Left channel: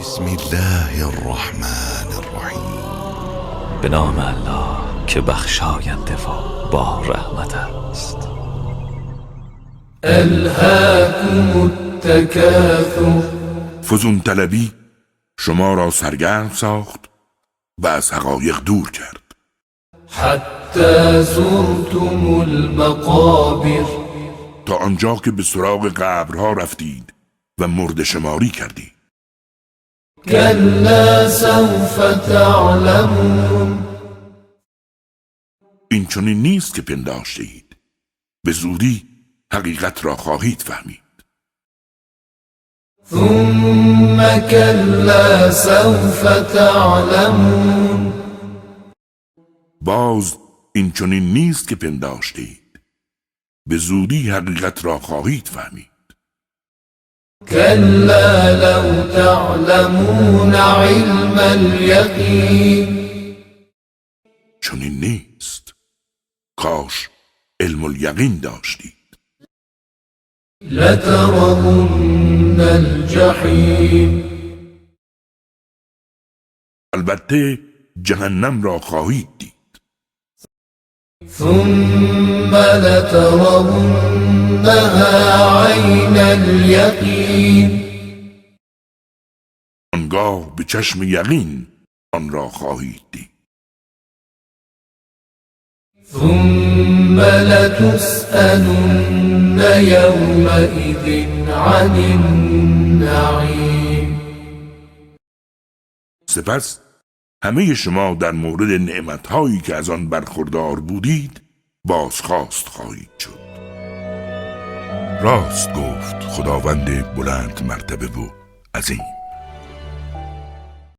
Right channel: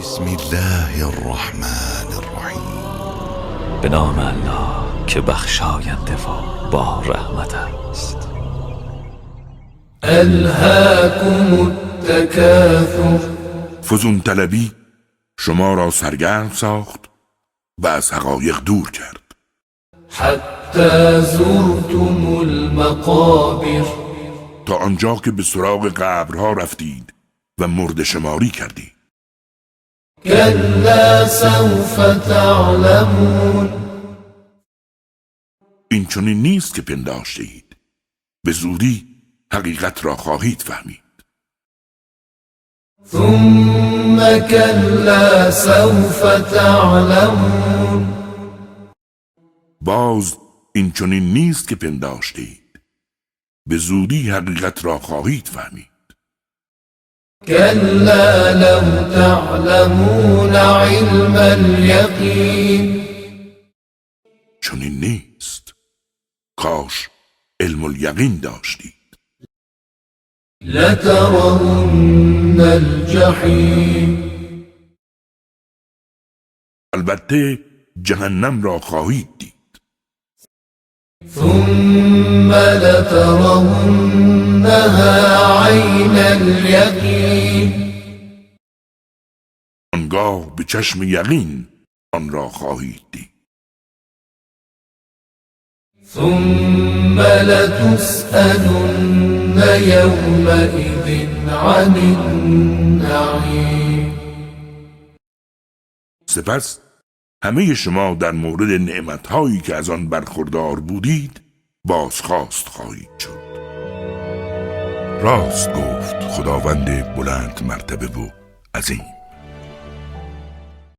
بسم الله الرحمن الرحیم. به نام الله که بخشاینده و با رحمت است. الهاکم التکاثر. فزون طلبی شما را سرگرم ساخت و از حقایق دور کرد. حتی زرتم المقابر. تا آنجا که به سراغ قبرها رفتید و مرده شماری کردید. کلا سوف تعلمون. این چنین نیست که پنداشته اید. به زودی حقیقت را خواهید فهمید. ثم کلا سوف تعلمون. باز این چنین نیست که پنداشته اید. به زودی حقیقت را خواهید فهمید. کلا لو تعلمون علم الیقین. چنین نیست. کاش علم الیقین داشتید. لترون الجحیم. البته جهنم را خواهید دید. ثم لترونها عین الیقین. آنگاه به چشم یقین آن را خواهید دید. ثم لتسألن یومئذ عن النعیم. سپس همه شما در مورد نعمتهایی که از آن برخوردار بودید بازخواست خواهید شد. راست گفت خداوند بلند مرتبه و عظیم.